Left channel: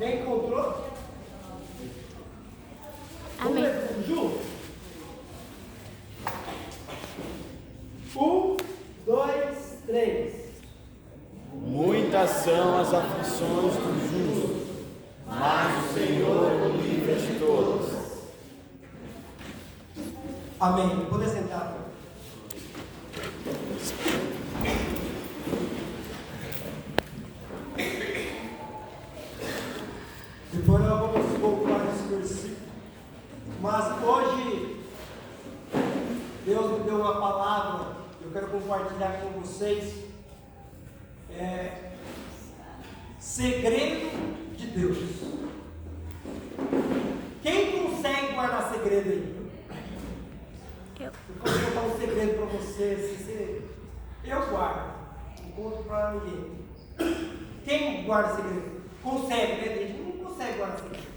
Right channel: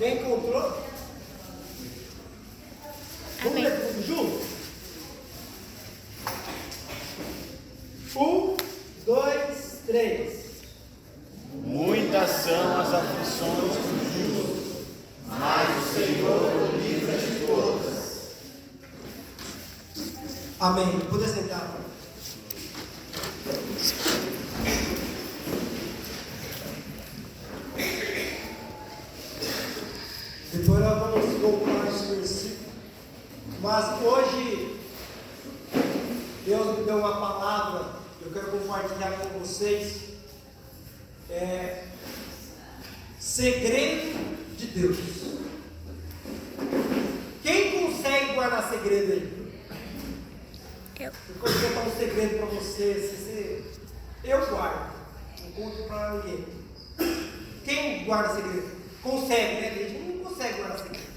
Quem encontrou? Vamos ler tudo junto? 1, 2, 3. Muitas são as aflições do justo, mas o Senhor o livra de todas. Amém. Poder sentar. Depois nós vamos voltar nesse versículo. Mas hoje, Deus me deu uma palavra, eu quero compartilhar com vocês. Segredo de Deus. Quem consegue guardar segredo aí? Eu vou contar um segredo para você. Eu guardo, não conto para ninguém. Quem guarda segredo? Consegue, né? A gente não consegue guardar segredo.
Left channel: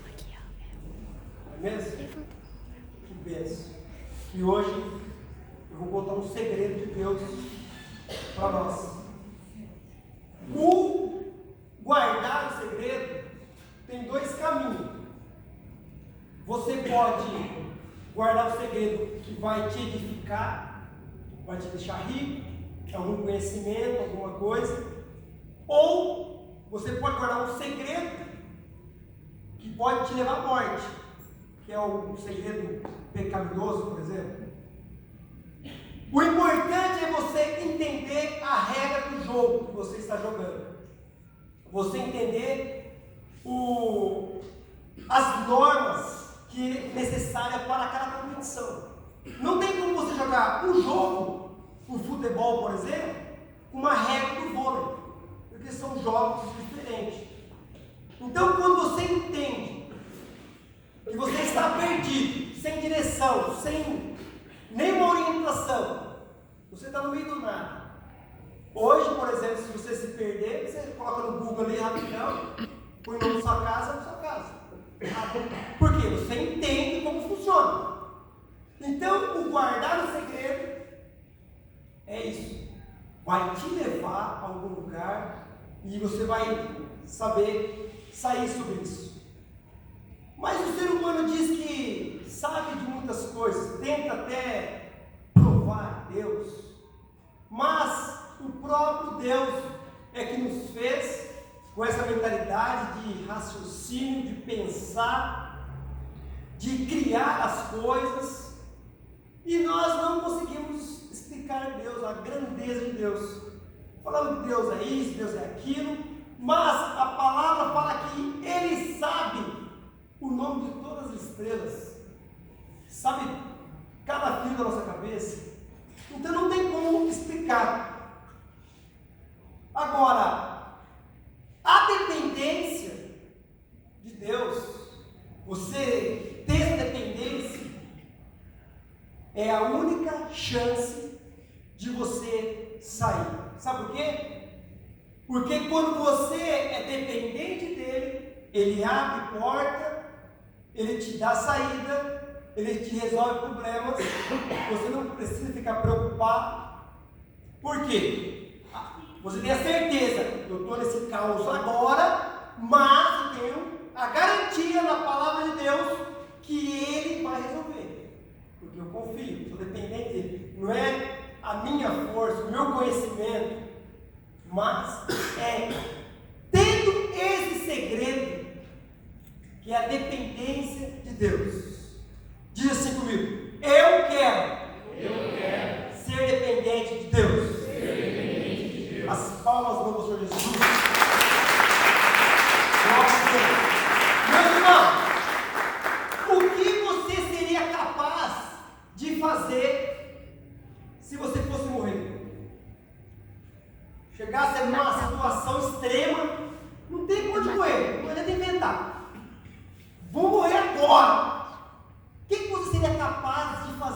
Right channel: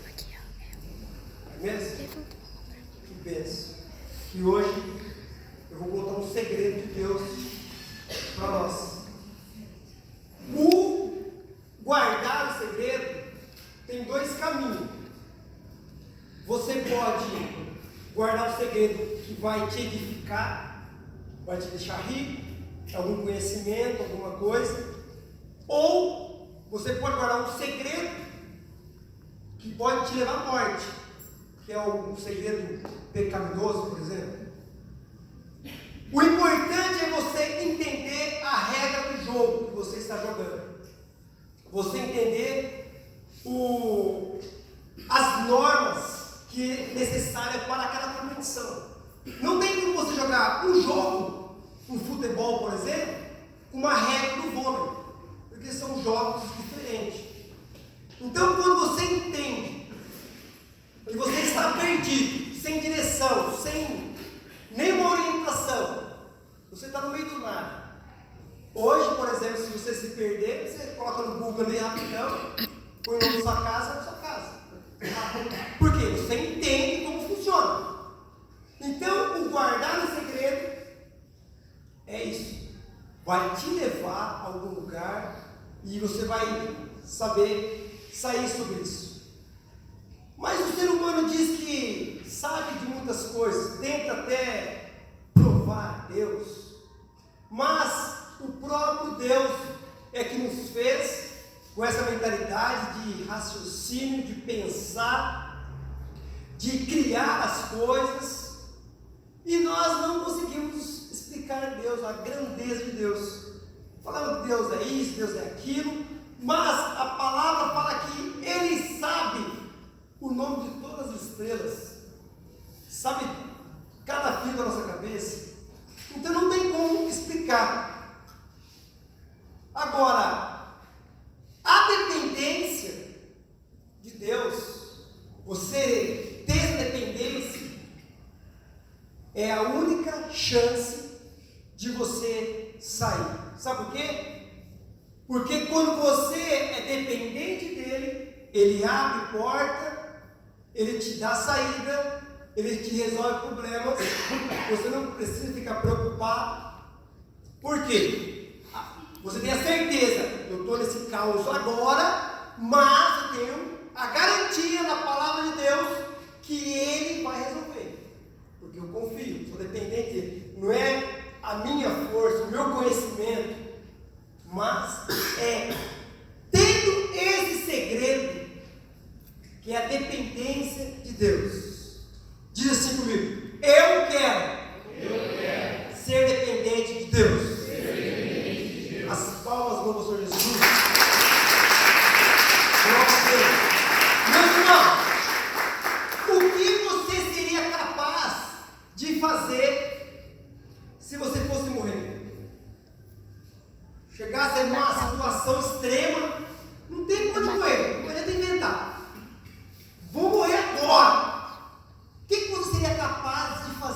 Não é mesmo? Que bênção. E hoje eu vou contar um segredo de Deus para nós. O guardar o segredo tem dois caminhos. Você pode guardar o segredo que vai te edificar, vai te deixar rico, algum conhecimento, alguma coisa, ou você pode guardar um segredo que pode te levar à morte, que é um segredo pecaminoso, por exemplo. O importante é você entender a regra do jogo que você está jogando. Você entender as normas que é necessárias para aquela competição. Não tem como você jogar um jogo, um futebol, por exemplo, com uma regra do vôlei, porque são jogos diferentes. Então, quando você entende que você está perdido, sem direção, sem nenhuma orientação, você está no meio do nada. Hoje, por exemplo, se você se perder, você coloca no Google ali rapidão, põe o nome da sua casa, na sua casa. Por quê? Você entende como funciona. Então, o guardar o segredo é isso. Vai te levar a algum lugar e você vai saber sair sobre isso. Mas o ser humano diz que sabe de muitas coisas, tenta até provar Deus, mas o próprio Deus é que nos fez com essa mentalidade de raciocínio, de pensar, de criar as coisas, e nós não conseguimos explicar Deus, a grandeza de Deus. Falamos que Deus é isso, Deus é aquilo, mas a palavra fala que Ele sabe o nome de todas as estrelas, sabe cada fio da nossa cabeça. Então não tem como explicar. Agora, a dependência de Deus, você ter dependência, é a única chance de você sair. Sabe por quê? Porque quando você é dependente dele, ele abre porta, ele te dá saída, ele te resolve problemas, você não precisa ficar preocupado. Por quê? Você tem a certeza, eu estou nesse caos agora, mas eu tenho a garantia na palavra de Deus que Ele vai resolver. Porque eu confio, sou dependente dele. Não é a minha força, o meu conhecimento, mas é tendo esse segredo, que é a dependência de Deus. Diz assim comigo: eu quero ser dependente de Deus. As palmas do Senhor Jesus. Glória a Deus. Meu irmão, o que você seria capaz de fazer se você fosse morrer? Chegasse numa situação extrema, não tem como morrer, não adianta inventar. Vou morrer agora. O que você seria capaz de fazer?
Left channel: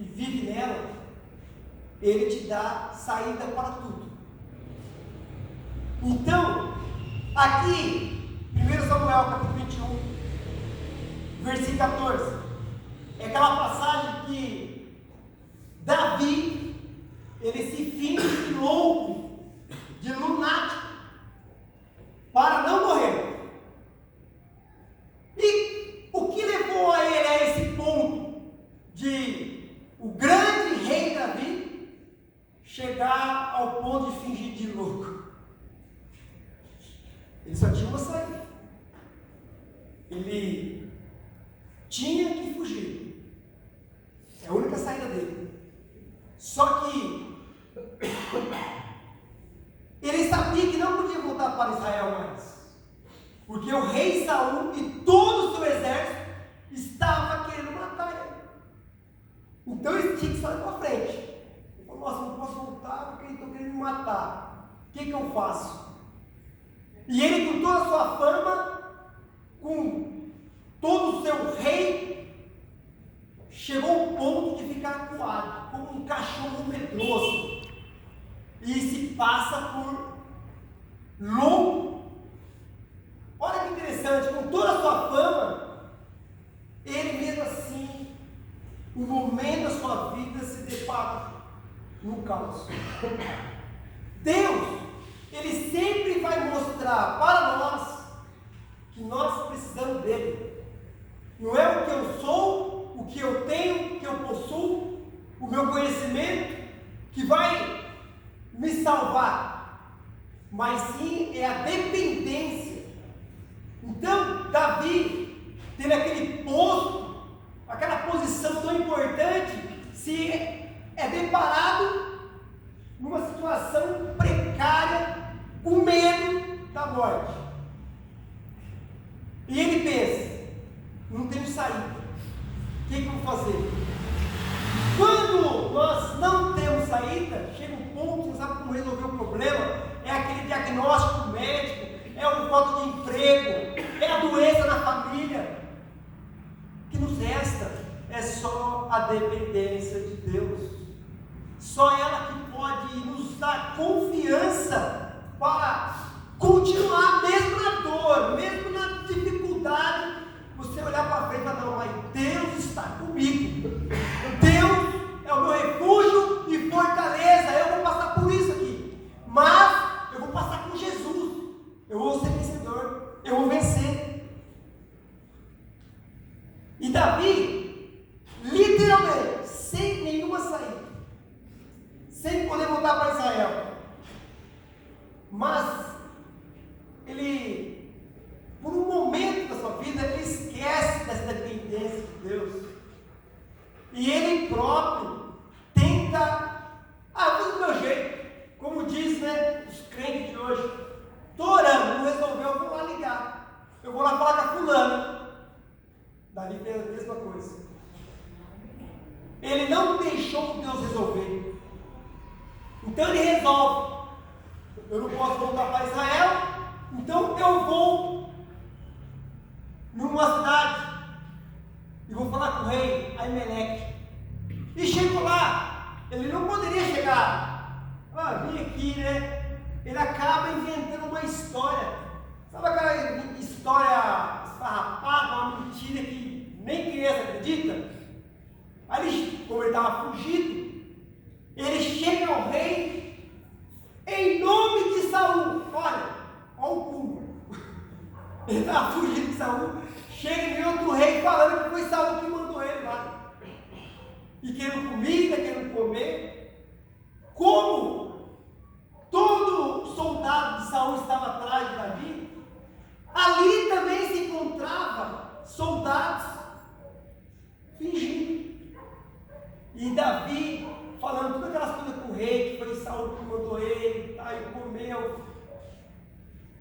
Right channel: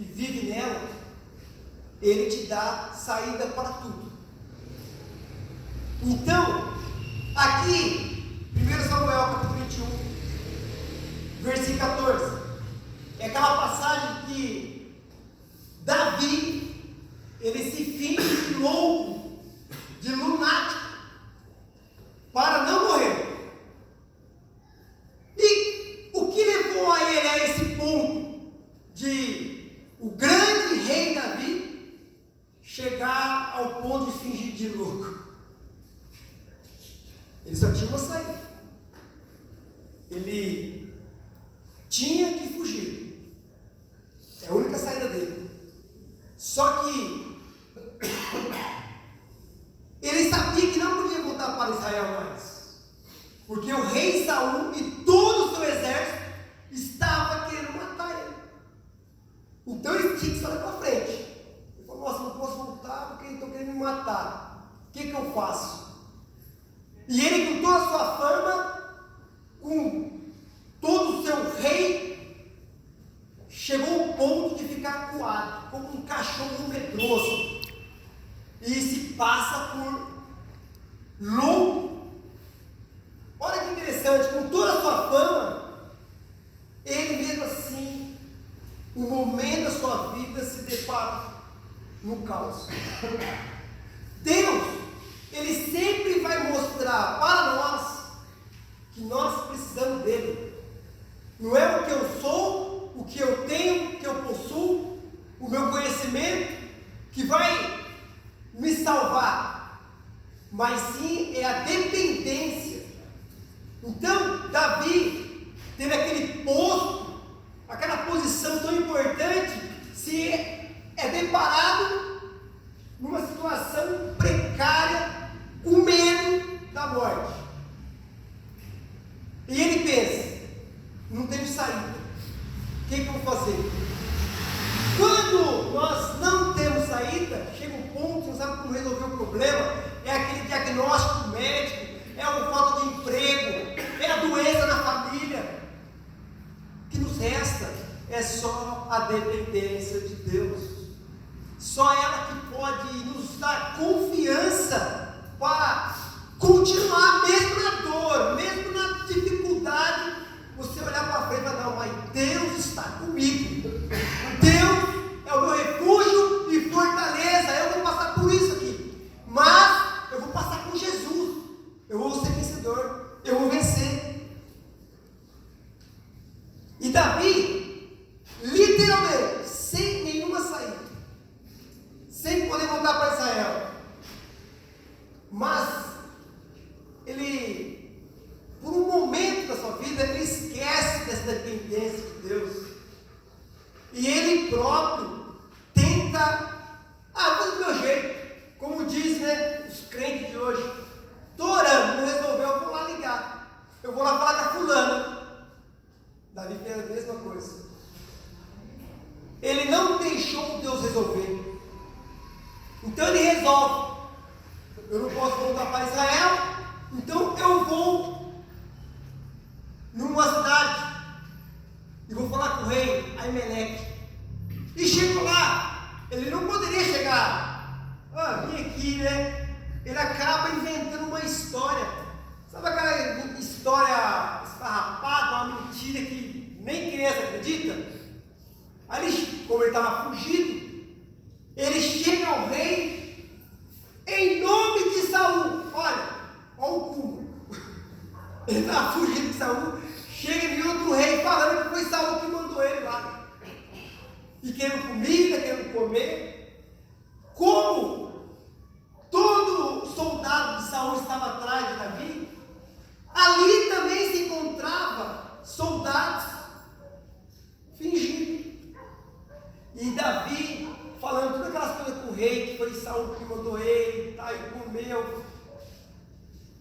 e vive nela, Ele te dá saída para tudo. Então, aqui, 1 Samuel capítulo 21, versículo 14, é aquela passagem que Davi, ele se finge de louco, de lunático, para não morrer. E o que levou a ele a esse ponto de o grande rei Davi chegar ao ponto de fingir de louco? Ele só tinha uma saída. Ele tinha que fugir. É a única saída dele. Só que ele sabia que não podia voltar para Israel mais, porque o rei Saul e todo o seu exército estava querendo matar ele. Então ele tinha que sair para frente. Ele falou: nossa, não posso voltar porque estão querendo me matar. O que eu faço? E ele, com toda a sua fama, com todo o seu rei, chegou ao ponto de ficar acuado, como um cachorro medroso, e se passa por louco. Olha que interessante, com toda a sua fama, ele mesmo assim, o momento da sua vida se depara no caos. Deus, Ele sempre vai mostrar para nós que nós precisamos dele. Não é o que eu sou, o que eu tenho, o que eu possuo, o meu conhecimento que vai me salvar, mas sim é a dependência. Então, Davi teve aquele posto, aquela posição tão importante, se é deparado numa situação precária, com medo da morte. E ele pensa: não tenho saída, o que eu vou fazer? Quando nós não temos saída, chega um ponto, não sabe como resolver o problema, é aquele diagnóstico médico, é a falta de emprego, é a doença na família. O que nos resta é só a dependência de Deus. Só ela que pode nos dar confiança para continuar, mesmo na dor, mesmo na dificuldade, você olhar para frente e falar: não, mas Deus está comigo. Deus é o meu refúgio e fortaleza. Eu vou passar por isso aqui, mas eu vou passar com Jesus. Eu vou ser vencedor, eu vou vencer. E Davi, literalmente, sem nenhuma saída, sem poder voltar para Israel, mas ele, por um momento da sua vida, ele esquece dessa dependência de Deus, e ele próprio tenta: vou do meu jeito, como diz, né, os crentes de hoje: estou orando, não resolveu, eu vou lá ligar, eu vou lá falar com a fulana. Davi fez a mesma coisa. Ele não deixou Deus resolver. Então ele resolve: eu não posso voltar para Israel, então eu vou numa cidade e vou falar com o rei Aimeleque. E chego lá, ele não poderia chegar: vim aqui, né? Ele acaba inventando uma história. Sabe aquela história esfarrapada, uma mentira que nem criança acredita? Aí, como ele estava fugido, ele chega ao rei em nome de Saul. Olha o cúmulo. Ele estava fugindo de Saul, chega em outro rei falando que foi Saul que mandou ele lá, e querendo comida, querendo comer. Como todo soldado de Saul estava atrás de Davi, ali também se encontrava soldados fingindo. E Davi falando todas aquelas coisas com o rei, que foi Saul que mandou ele, tá, e comeu.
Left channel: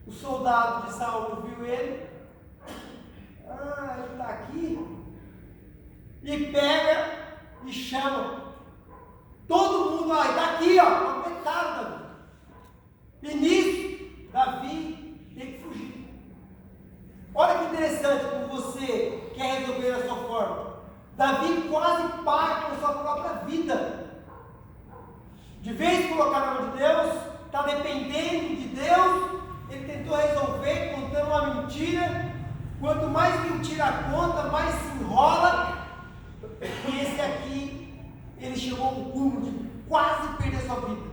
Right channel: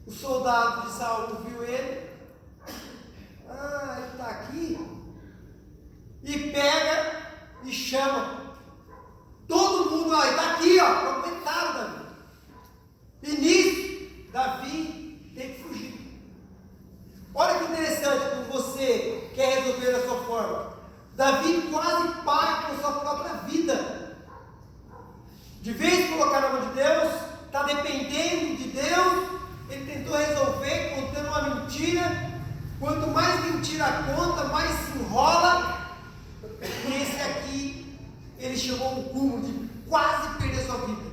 O soldado de Saul viu ele: ele está aqui. E pega e chama todo mundo: está aqui, aguentaram Davi. E nisso, Davi tem que fugir. Olha que interessante como você quer resolver a sua forma. Davi quase paga com sua própria dependendo de Deus, ele tentou resolver contando uma mentira. Quanto mais mentira conta, mais se enrola. E esse aqui, ele chegou ao cúmulo de quase perder sua vida,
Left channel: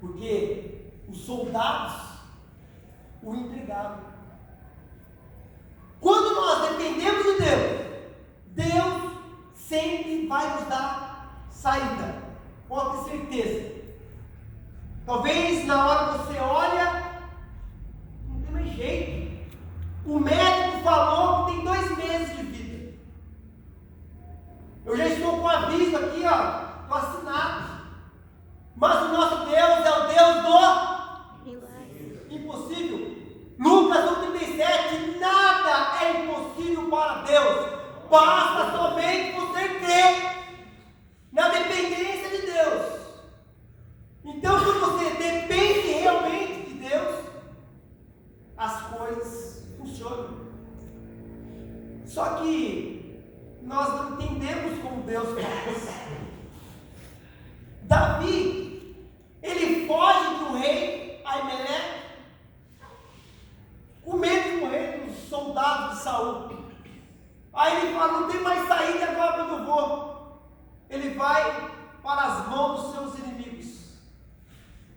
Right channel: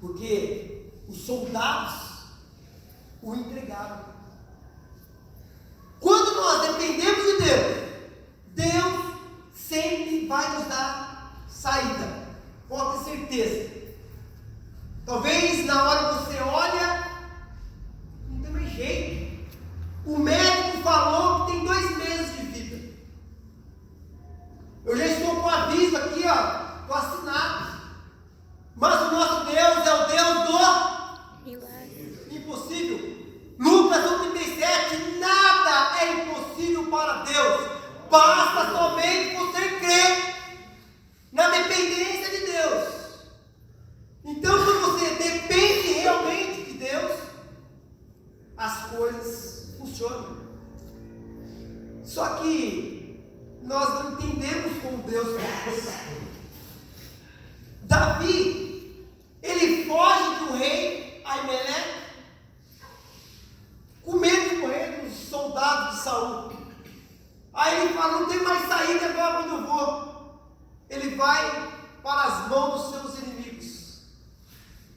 porque os soldados o entregaram. Quando nós dependemos de Deus, Deus sempre vai nos dar saída, pode ter certeza. Talvez na hora que você olha, não tem mais jeito. O médico falou que tem 2 meses de vida. Eu já estou com aviso aqui, estou assinado. Mas o nosso Deus é o Deus do milagre. Impossível. Lucas 1,37, nada é impossível para Deus. Basta somente você crer na dependência de Deus. Então, se você depende realmente de Deus, as coisas funcionam. Só que nós não entendemos como Deus faz. Davi, ele foge de um rei, Aimeleque, com medo de morrer dos soldados de Saul. Aí ele fala, não tem mais saída agora quando eu vou. Ele vai para as mãos dos seus inimigos.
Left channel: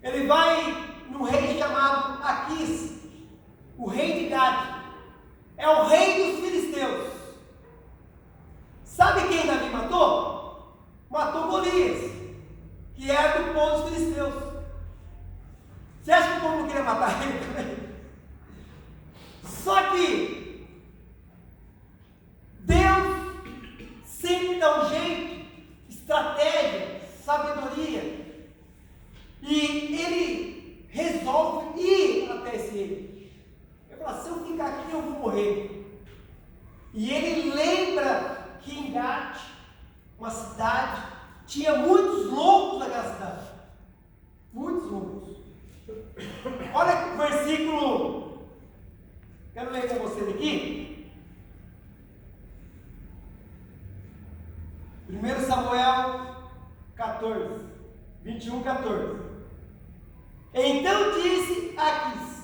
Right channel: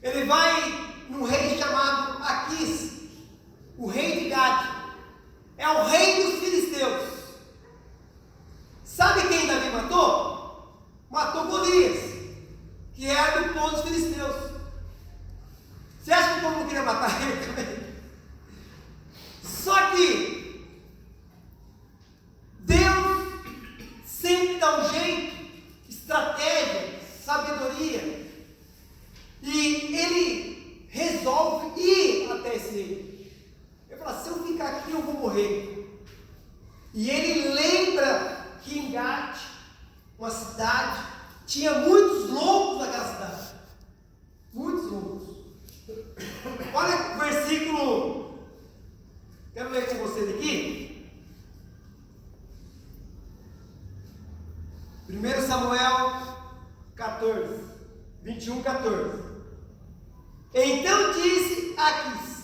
Ele vai num rei chamado Aquis, o rei de Gade. É o rei dos filisteus. Sabe quem Davi matou? Matou Golias, que era do povo dos filisteus. Você acha que o povo não queria matar ele também? Só que Deus sempre dá um jeito, estratégia, sabedoria, e ele resolve ir até esse rei. Ele fala, se eu ficar aqui eu vou morrer. E ele lembra que em Gate, uma cidade, tinha muitos loucos naquela cidade. Muitos loucos. Olha o versículo, quero ler com vocês aqui. 1 Samuel 14, 21, 14. Então disse Aquis,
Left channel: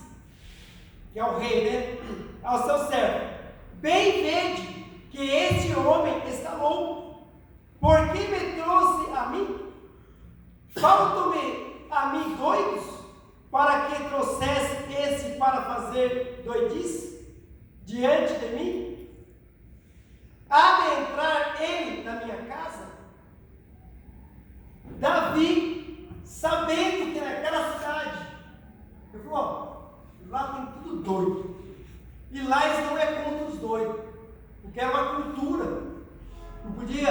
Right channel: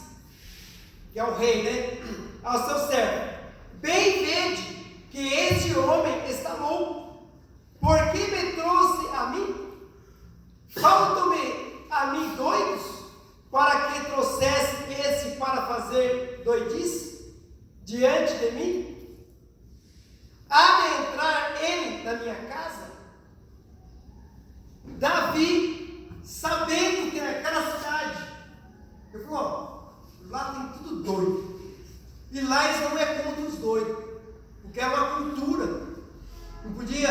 que é o rei, né, ao seu servo, bem vede que este homem está louco, porque me trouxe a mim? Faltam-me a mim doidos, para que trouxesse esse para fazer doidice diante de mim? Há de entrar ele na minha casa? Davi, sabendo que naquela cidade, ele falou, lá tem tudo doido, e lá eles não é contra os doidos, porque era uma cultura, não podia,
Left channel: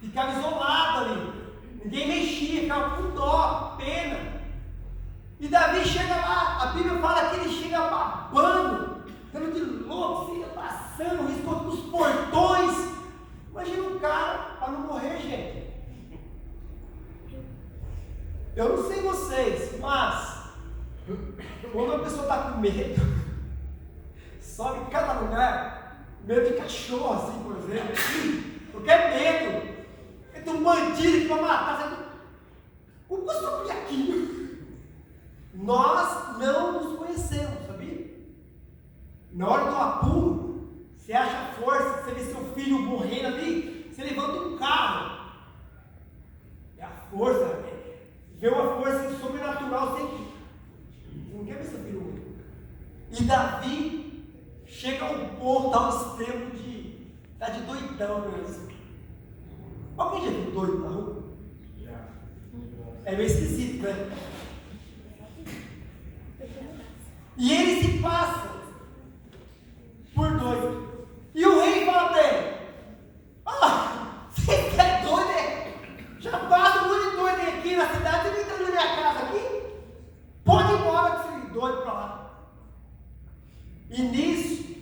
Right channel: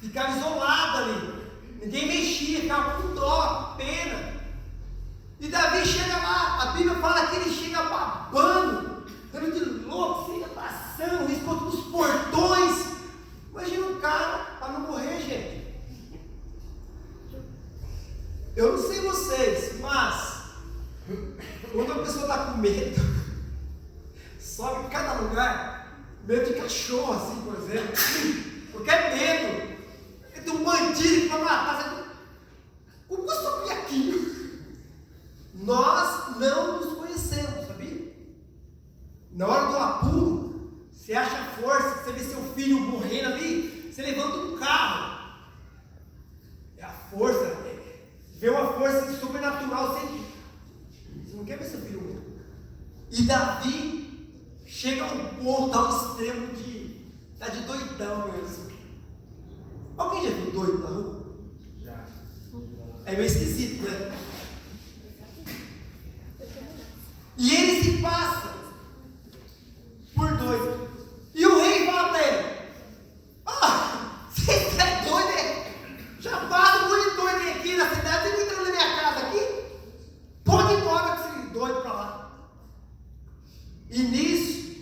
ficava isolado ali, ninguém mexia, ficava com dó, pena. E Davi chega lá, a Bíblia fala que ele chega babando, dando de louco, assim, passando, riscou todos os portões. Imagina um cara para não morrer, gente. Eu não sei vocês, mas quando a pessoa está com medo, sobe em cada lugar, medo de cachorro, assim, por exemplo, porque é medo. É de um bandido para matar, como custa um piaquinho? Nós não nos conhecemos, sabia? Na hora do apuro, você acha força, você vê seu filho morrendo ali, você levanta um carro. É a força, vê uma força sobrenatural, você não quer ver seu filho morrer. E Davi chega ao ponto, ao extremo de tá de doidão mesmo. Alguém já viu doido na rua? Já. É meio esquisito, né? E ele se passa por doido. E o rei fala para ele, você é doido, é? Já passa um monte de doido aqui na cidade, você não entra na minha casa aqui? Pode ir embora com esse doido para lá. E nisso,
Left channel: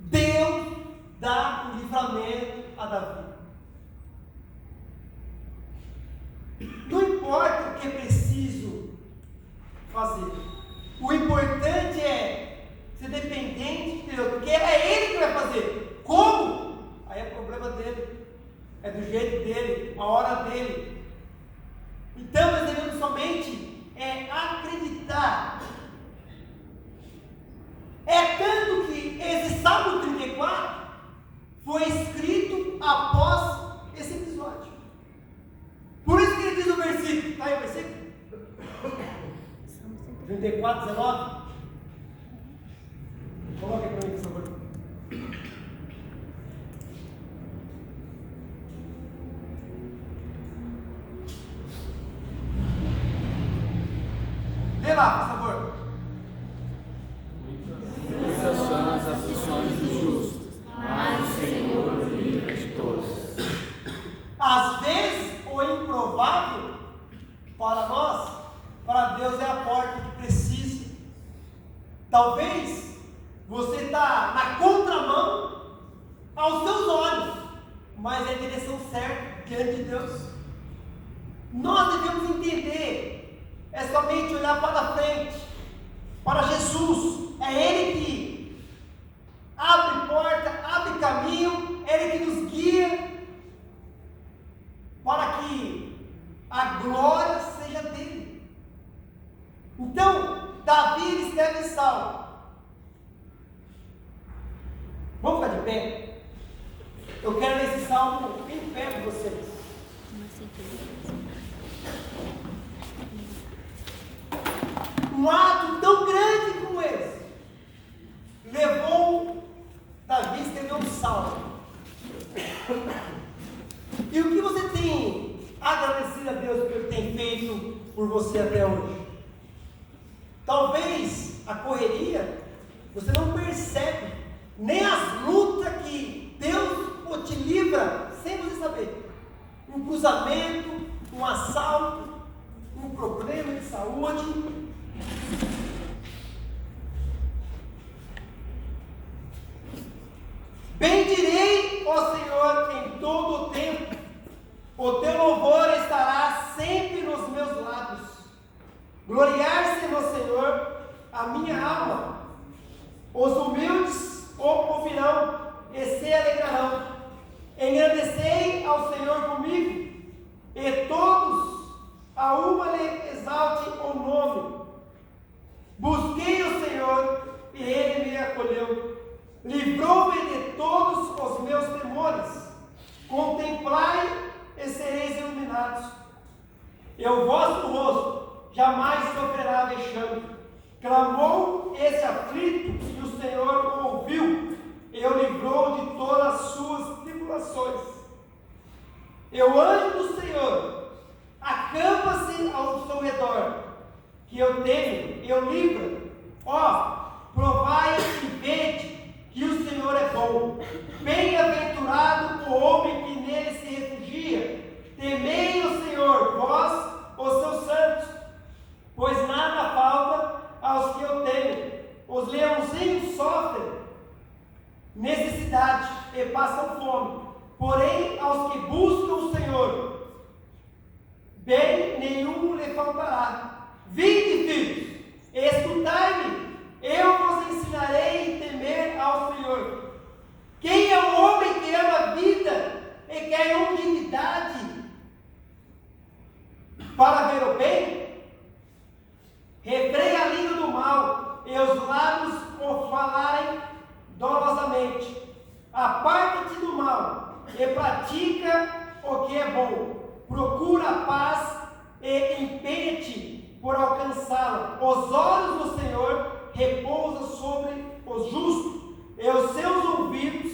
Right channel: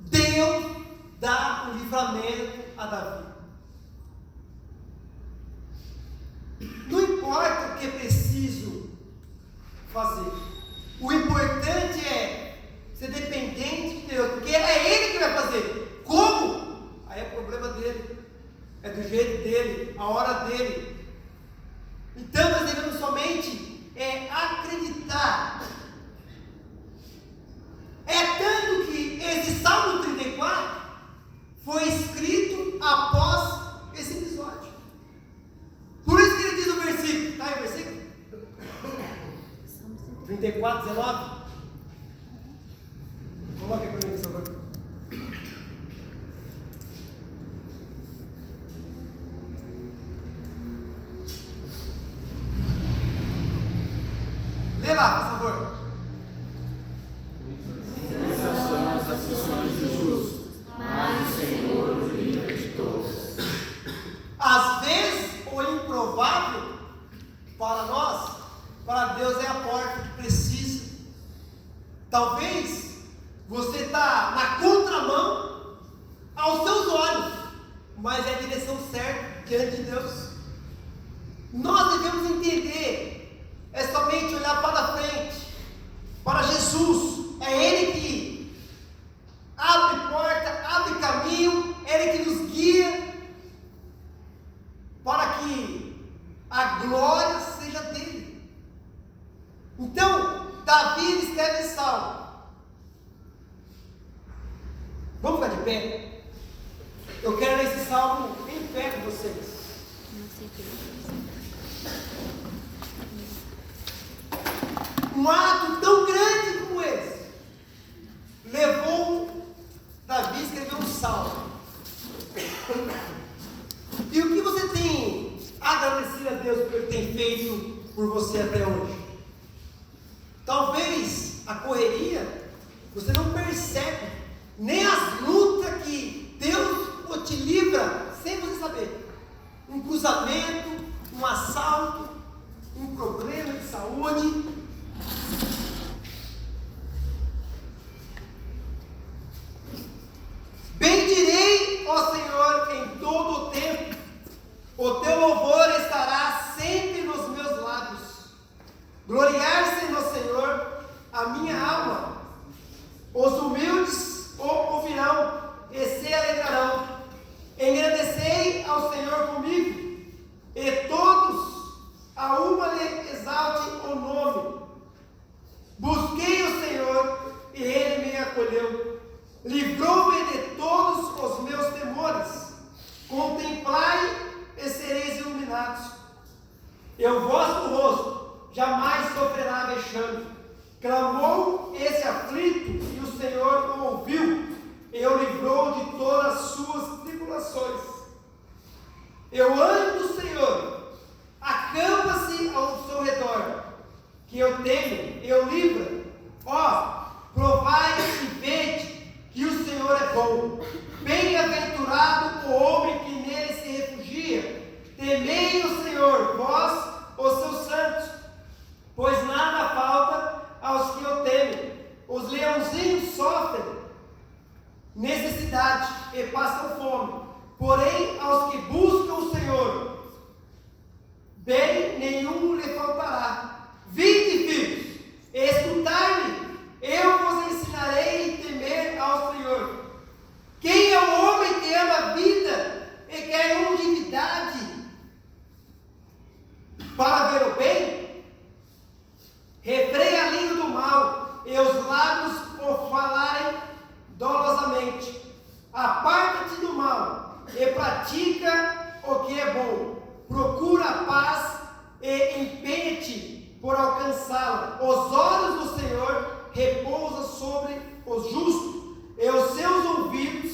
Deus dá o livramento a Davi. Não importa o que é preciso fazer, o importante é ser dependente de Deus, porque é Ele que vai fazer. Como? Aí é problema dele, é do jeito dele, a hora dele. Então nós devemos somente acreditar. É tanto que esse Salmo 34 foi escrito após esse episódio. Por isso que ele diz no versículo, está aí o versículo? 34, 19. Coloque para mim, por favor. Lê lá, por favor. Muitas são as aflições dos justos, mas o Senhor o livra de todas. Às vezes, o improvável para nós, para Deus é a porta que precisa. Talvez você está na contramão aos seus olhos, mas é a direção certa diante de Deus. Nós devemos entender, é somente olhar para frente, para Jesus. É Ele que abre porta, abre caminho, é Ele que nos guia para que a glória seja dele. Então, Davi escreve em Salmo. Vamos ficar de pé? Eu quero ler esse salmo em pé com vocês. Um ato tão grande como esse levou Davi a escrever um salmo. E o que você tem agradecido a Deus por Ele tem feito por você até hoje? Talvez a correria, você não percebe nem as lutas que Deus te livra sem você saber. Um cruzamento, um assalto, um problema de saúde. Bendirei, ó Senhor, em todo o tempo. O teu louvor estará sempre nos meus lábios. Gloriar-se no Senhor a minha alma. Os humildes o ouvirão e se alegrarão. Engrandecei ao Senhor comigo, e todos a uma lhe exaltem o nome. Busquei o Senhor e Ele me acolheu. Livrou-me de todos os meus temores. Contemplai e sereis iluminados. E o vosso rosto jamais sofrerá vexame. Clamou esse aflito e o Senhor o ouviu e o livrou de todas as suas tribulações. E o anjo do Senhor acampa-se ao seu redor, que eu tenho, eu livro. Ó, provai e vede que o Senhor é bom. Bem-aventurado o homem que nele se refugia. Temei o Senhor, vós, os seus santos, pois nada falta aos que o temem. Os leãozinhos sofrem necessidade e passam fome, porém aos que buscam o Senhor, bem nenhum lhe faltará. Vinde, filhos, escutai-me, eu vos ensinarei a temer ao Senhor. Quem é o homem que ama a vida e quer longevidade para ver o bem? Refreia a língua do mal e os lábios o falarem dolosamente. Aparta-te do mal e pratica o que é bom. Procura a paz e empenha-te por alcançá-la. Os olhos do Senhor repousam sobre os justos e os seus ouvidos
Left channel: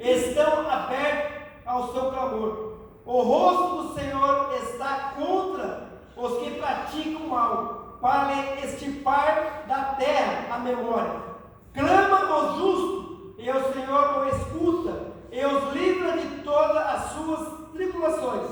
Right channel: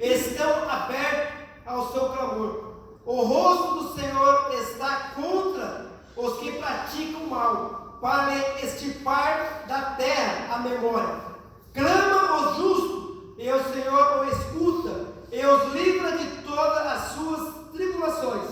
estão abertos ao seu clamor. O rosto do Senhor está contra os que praticam o mal, para lhe extirpar da terra a memória. Clama o justo, e o Senhor o escuta, e os livra de todas as suas tribulações.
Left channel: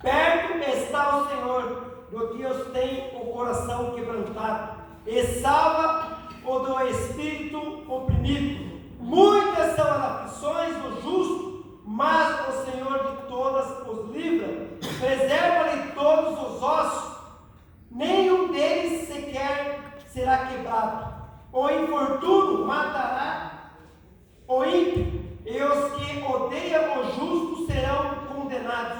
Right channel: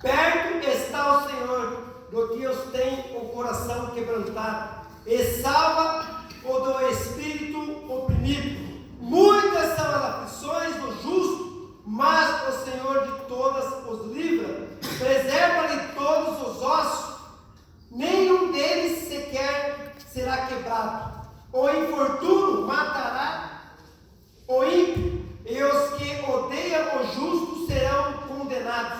Perto está o Senhor do que os tem o coração quebrantado, e salva o do espírito oprimido. Muitas são as aflições do justo, mas o Senhor de todas os livra. Preserva-lhe todos os ossos, nenhum deles sequer será quebrado. O infortúnio matará o ímpio, e os que odeiam o justo serão condenados.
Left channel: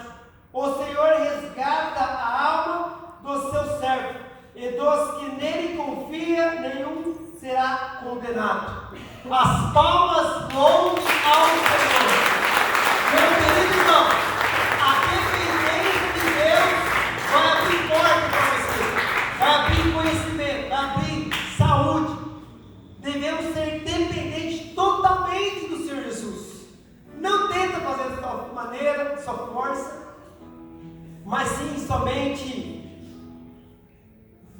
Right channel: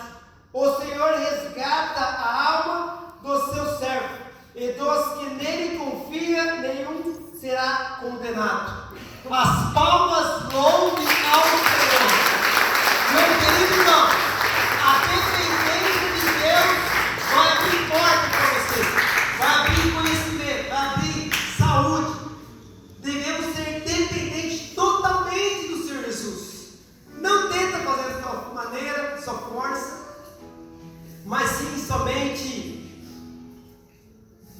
O O Senhor resgata a alma do seu servo, e dos que nele confia, nenhum será condenado. As palmas louvem ao Senhor. Meu querido irmão, a dependência de Deus vai abrir porta para você, vai abrir conhecimento, vai abrir saúde. Devemos ser dependentes totalmente do Senhor Jesus. Não tenta fazer da sua maneira, da sua força, mas sim somente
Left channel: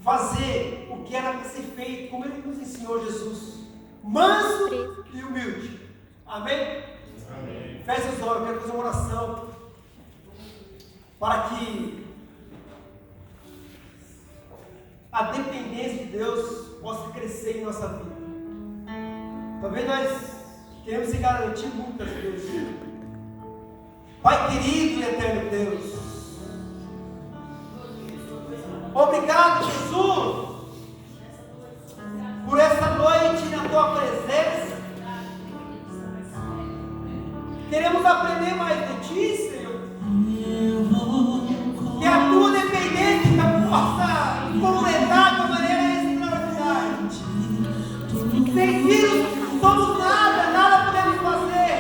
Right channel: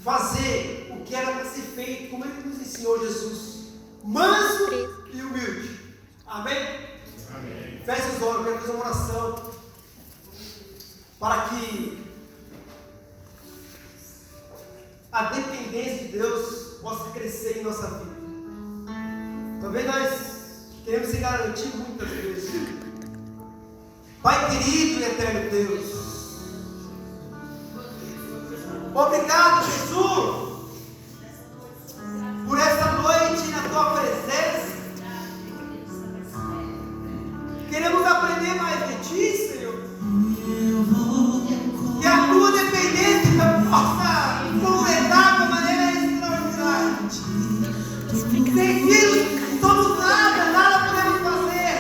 fazer o que era para ser feito, como Ele nos ensinou, Jesus, manso e humilde. Amém? Amém. Feche os olhos, eu quero fazer uma oração para que a dependência de Deus possa crescer em nossa vida. Talvez nós queremos se garantir muitas vezes. Pai querido e eterno Deus, obrigado, Jesus, por essa noite na tua presença. Queremos aprender mais de ti, Senhor. Que a tua dependência possa completar de uma maneira extraordinária. Sem ti somos nada podemos fazer.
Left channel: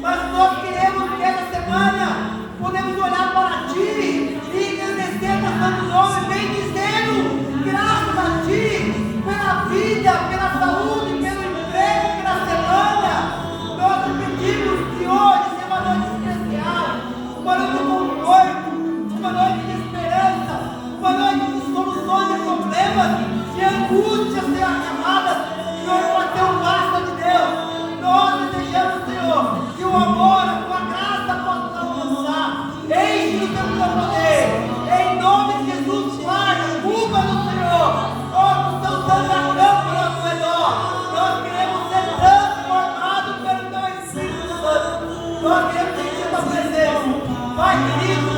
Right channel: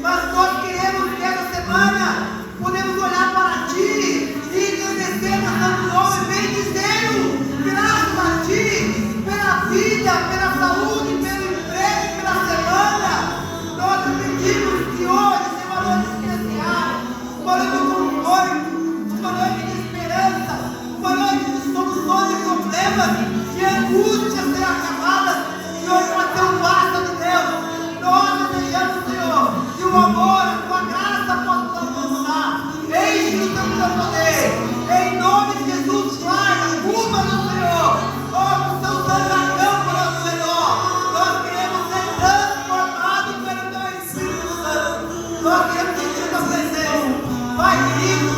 Mas nós queremos que essa semana podemos olhar para ti e agradecer a Santo Nome, bendizendo, graças a ti, pela vida, pela saúde, pelo emprego, pela semana. Nós te pedimos que hoje seja uma noite especial, uma noite de conforto, uma noite de esperança, uma noite de soluções de problemas, de angústias serão acabadas, e hoje vai ter um basta de Deus. Nós desejamos, Senhor, que o amor, a tua graça possa alcançar. Enche-nos do teu poder, em nome de Jesus, Pai, culpa-nos, Senhor, como São Santo acampa ao nosso redor. Nós queremos ser transformados pelo teu Espírito Santo, nós queremos sentir a tua presença, Pai querido.